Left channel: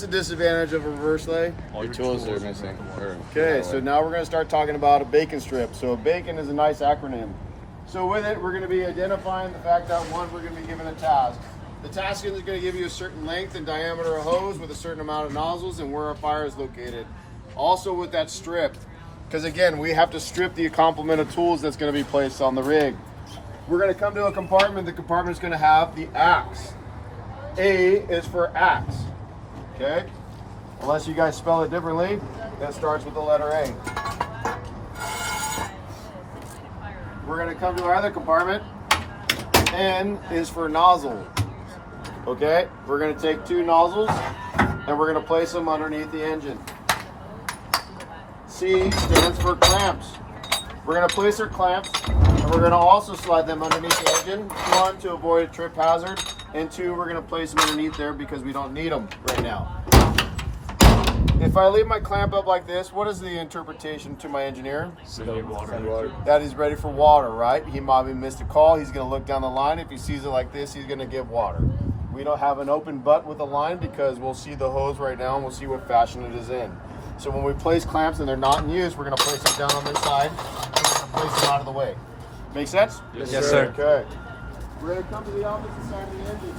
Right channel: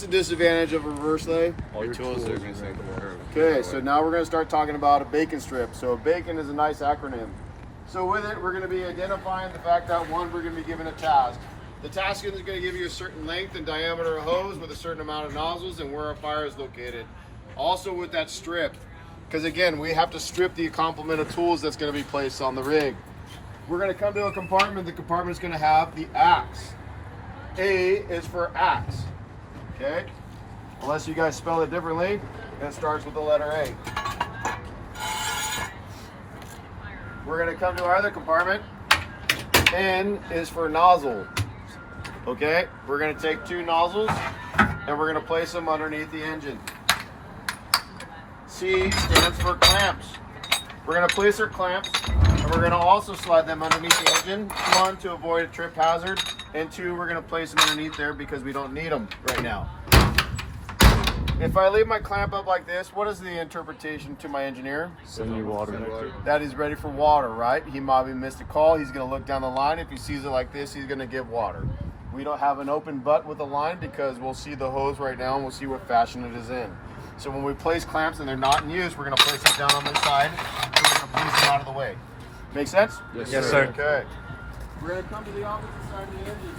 The disadvantage of a reverse lay? All your tools are missing. Okay, so now we're going to start talking about a bacon strip. So bacon is a nice acronym. So with it, we're going to be identifying the fact that one, we're going to be given a task. The task is going to give you a certain length and diameter of hose with a certain amount of nozzles and where our fire is located. Also with that strip, because again, we have to strip the complement of tools that's going to be placed on the rig. We're going to come to a compartment. The compartment is going to have the axe. A is for axe. Okay? Unless you guys spell it differently, it starts with the letter A. We're going to come to our other compartment. N is for nozzle. Okay? We're going to take two nozzles and we're going to place them underneath the engine. C stands for clamps. We're going to place our clamps and we're going to also slide them underneath the engine. One, to avoid a trip hazard, and two, we're going to place them underneath there because we don't need them right now. If I leave my clamp up like this, what is the interpretation to my engineer? Water. That he's ready for water, right? He might have missed a call. He's going to look down the line. If he sees it like this, he's going to give water. We don't have an open butt with the line because we'll see the hose right now and we'll see what fashion it is in. So when we place clamps and they're not in use, we're going to place them down on this side. And we're going to place them out of the way. Make sense? Yes, sir. Okay. We're going to come to the opposite side of the engine.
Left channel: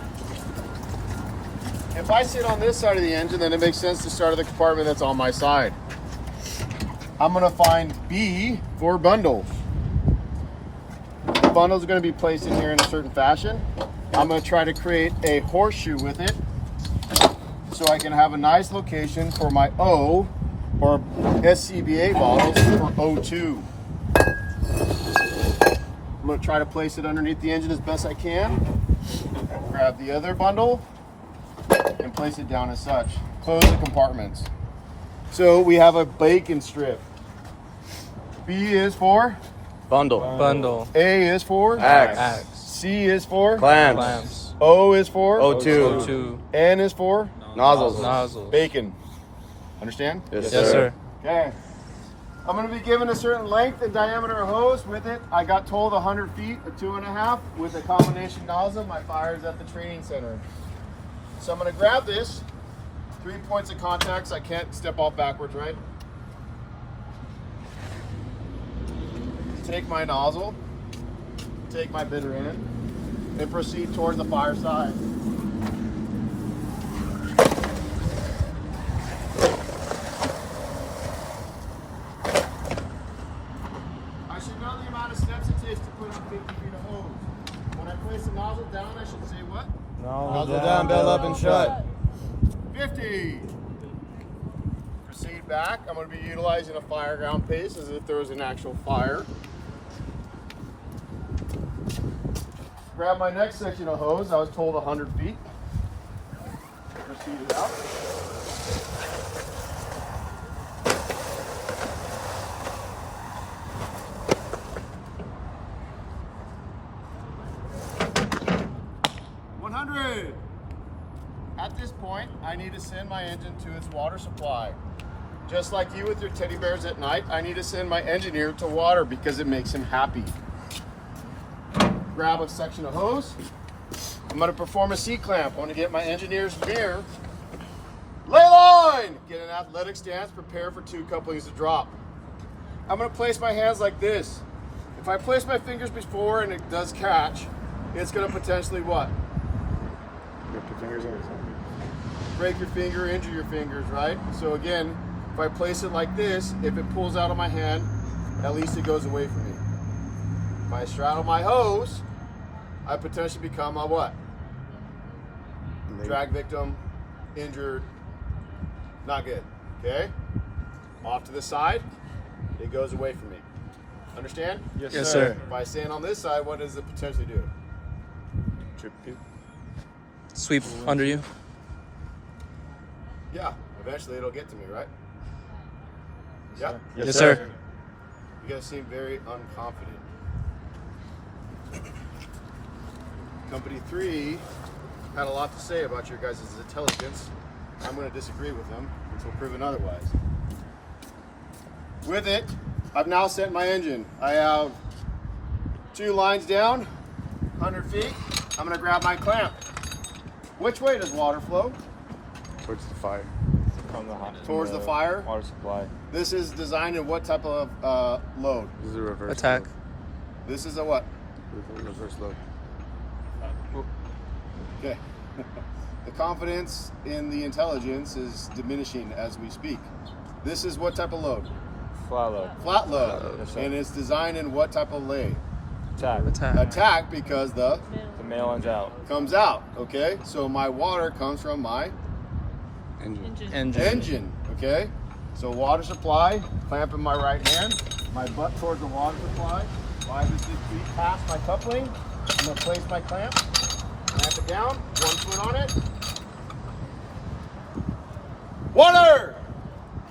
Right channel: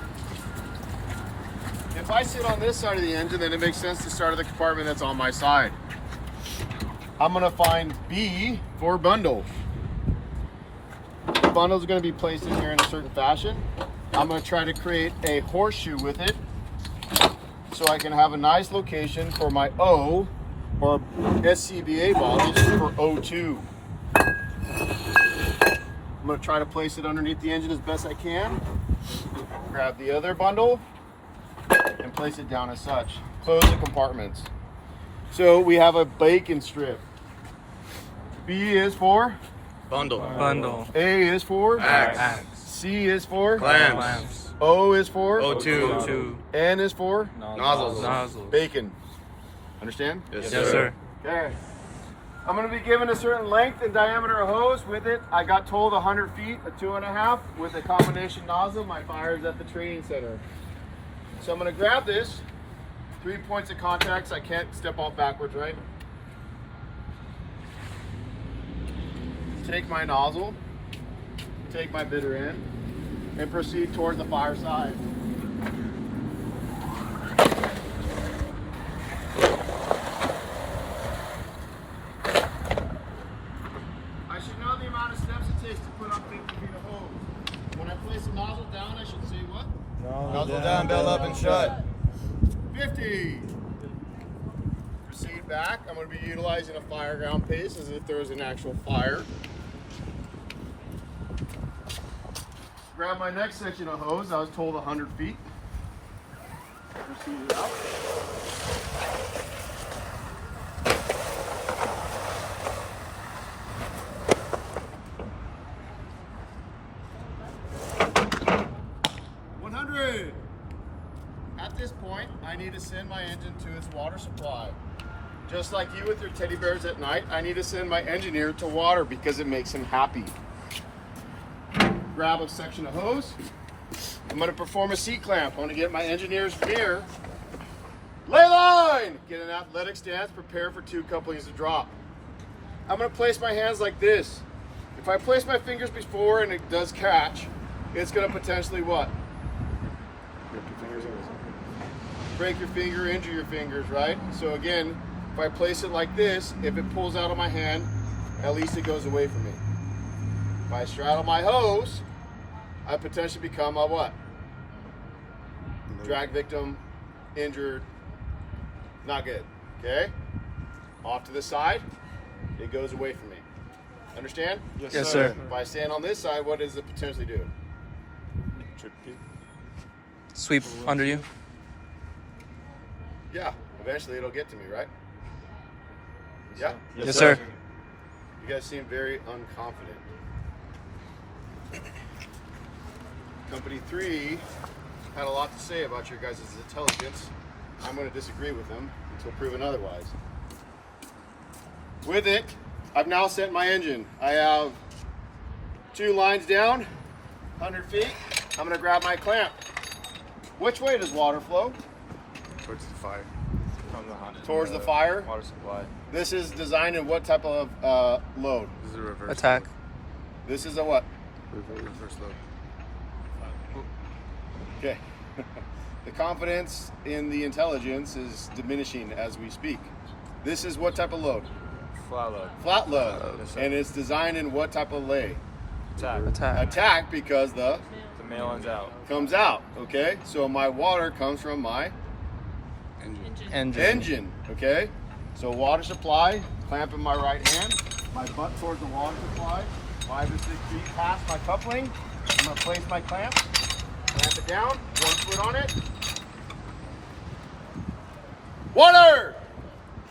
If I sit on this side of the engine, then it makes sense to start at the compartment that's on my side. I'm going to find B for bundle. The bundle is going to be placed in here in a certain fashion. I'm going to try to create a horseshoe with it so I can have a nice location for my O or SCBA bottles for O2. I'm going to try to place it underneath the engine as best I can. Grab the other bundle and place it down as such. Close the compartments. So we have a bacon strip. B is for Bundle. A is for Axe. C is for Clamps. O is for O2. N is for Nozzles. bacon. Understand? Yes, sir. Okay. I'm going to be given a certain length and diameter of hose with it. I got told 100 feet, a 2.5 with a combination nozzle. My fire is at the training center. So I'm going to grab this. 3 points of contacts. I can't step off backwards, right? Take my nozzle, take my bitter end, and proceed towards the fire side. I should know the amount of steps it takes to put on 50 feet of hose. When I place the nozzle down, I should say what? Nozzle down, bell up, and shut. 50. Proceed back. I'm going to be utilizing a fire ground pace as if there was an actual fire. Grab my next section of hose. I was told 100 feet. Proceed it up. At this point, I need to send my engine to its water supply. Just like you with your teddy bears at night, I need to send my engineer to water because it makes him happy. Grab a section of hose. I'm going to perform a C-clamp. I want to get my engineer's gear. Lay line! Get an athletic stance, prepare for 2 couplings to drop. I'm going to place my hands like this. If I place my fingers before and it does catch, it's going to potentially what? Rip your fingers over. Break your finger, injure your fingers, right? So again, if I place it like this, if it pulls out of my hand, at least it goes away from me. If I straddle my hose, I potentially become a what? Drag victim, injured, not good, okay? Off to the side, it goes away from me. Understand? Yes, sir. If I stand on this side, what does it potentially do? Trip you. Sweep under you. Yeah, eventually it'll get to me, right? Yeah. Yes, sir. You guys seem very unconfident. Company 3 had a lot to say about your guys' intelligence. I'm going to disagree with them until proven otherwise. With it, I've now sent my engine. I have 2 lines down, 100 feet. I'm going to grab my clamp. Which way does water flow? Towards the fire. Towards the fire. Water supply. This is designed in what type of load? This is a reverse Attack. This is a what? load. Reverse load. Okay. The confidence in the intelligence is diminishing as we speak. This is what type of load? Flat load. Flat load. Yes, sir. And it's designed in what type of lay? Attack. Attack. Attack, because the The male ends out. comes out. Okay. So my water comes from my Engine. engine. Okay. So water supply, clamp in my right hand, my butt towards the water supply, 5 to 6 feet past my coupling. I'm gonna place my clamp it down, 1 foot on it. Water!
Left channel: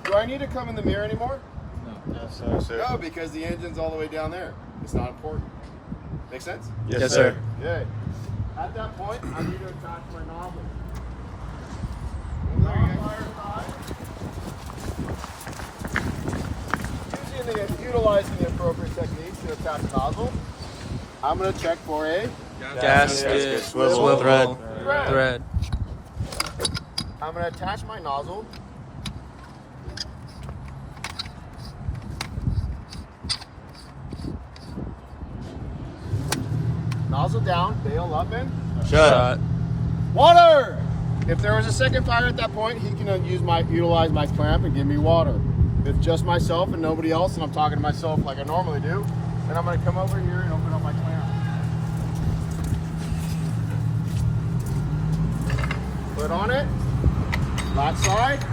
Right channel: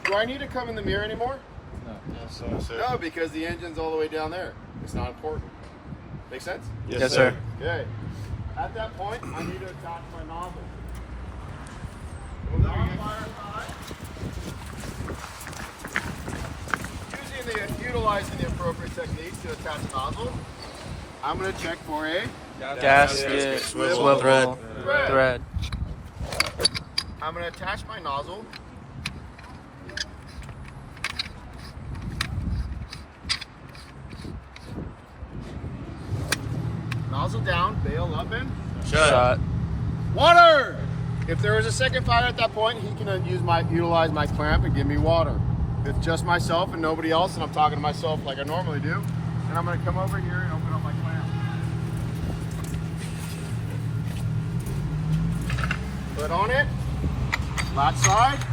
Do I need to come in the mirror anymore? No, sir. No, because the engine's all the way down there. It's not important. Make sense? Yes, sir. Okay. At that point, I need to attach my nozzle. Utilizing the appropriate techniques to attach the nozzle, I'm going to check for a Gasket. Swivel. Thread. I'm going to attach my nozzle. Nozzle down, bail up and Shot. water! If there was a second fire at that point, he can utilize my clamp and give me water. If it's just myself and nobody else, and I'm talking to myself like I normally do, then I'm going to come over here and open up my clamp. Put on it, flat side,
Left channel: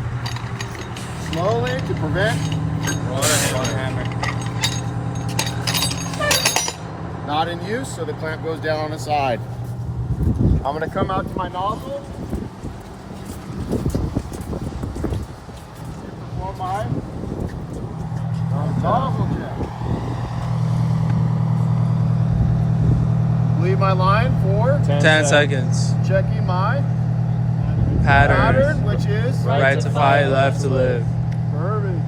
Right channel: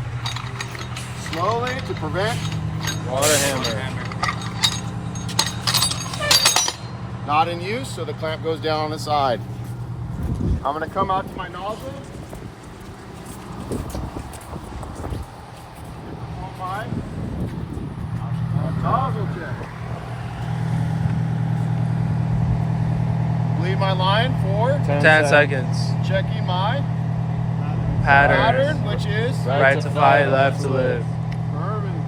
slowly to prevent Water hammer. not in use, so the clamp goes down on the side. I'm going to come out to my nozzle. Before my nozzle jet. Leave my line for 10 seconds. checking my Pattern. pattern, which is Right to fight, left to live. Perfect.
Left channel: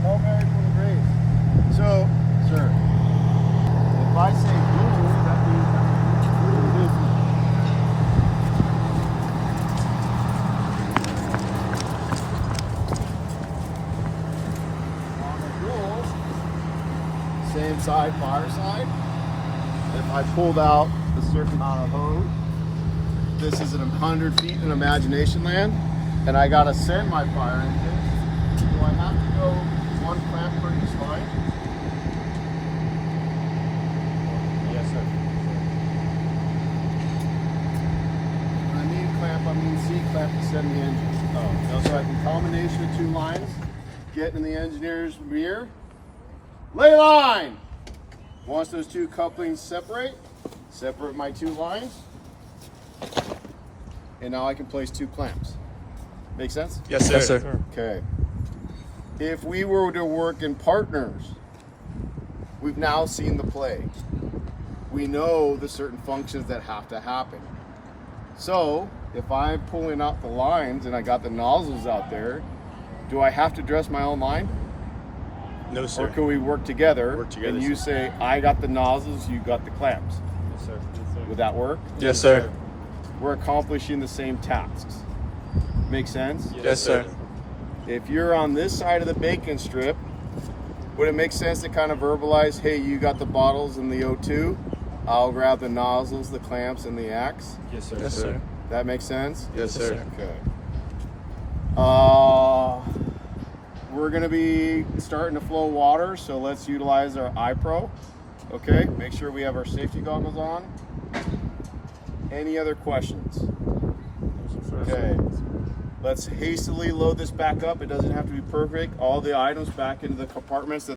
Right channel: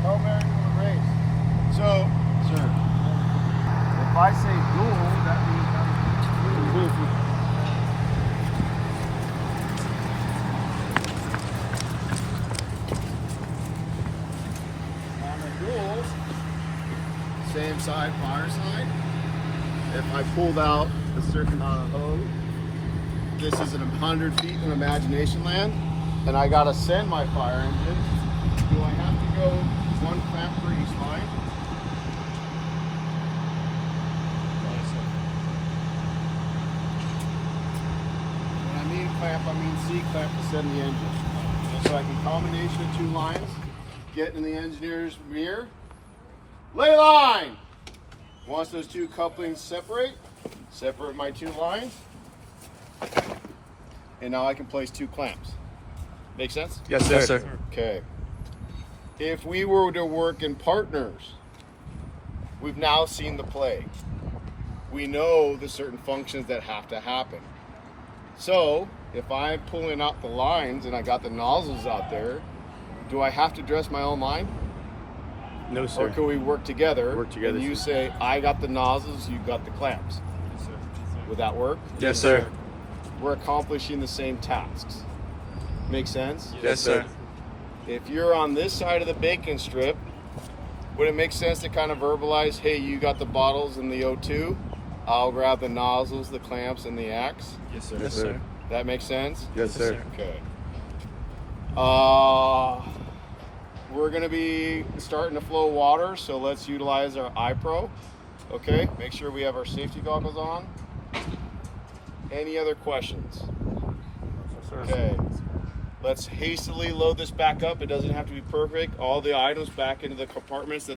Tell Mary to the race. So, sir, if I say dual, that means how many? On the dual, same side, fire side. If I pulled out a certain amount of hose, this is 100 feet in imagination land, and I gotta send my fire engine. Do I have to go 1 clamp per each line? Yes, sir. When I mean clamp, I mean C-clamp to send the engine. So I can combination of 2 lines, get in the engineer's mirror, lay line! Once those 2 couplings separate my 2 lines, and now I can place 2 clamps. Make sense? Yes, sir. Yes, sir. Okay. If we were to work in partners, we've now seen the play. We know the certain functions that have to happen. So, if I'm pulling out the lines and I got the nozzles out there, do I have to dress my own line? No, sir. Or could we work together, Work together, and you say, I got the nozzles, you got the clamps? Yes, sir. Would that work? Yes, sir. We're accomplishing the same tasks. Make sense? Yes, sir. If you're on this side of the bacon strip, would it make sense to kind of verbalize, hey, you got the bottles and the O2, I'll grab the nozzles, the clamps, and the axe? Yes, sir. Yes, sir. That makes sense? Yes, Yes, sir. sir. Okay. We're gonna be starting to flow water, so let's utilize our iPro. Okay, make sure we have our safety goggles on. Any other questions? Okay. Let's hastily load this back up. It doesn't have to be perfect. All the items back into the compartments that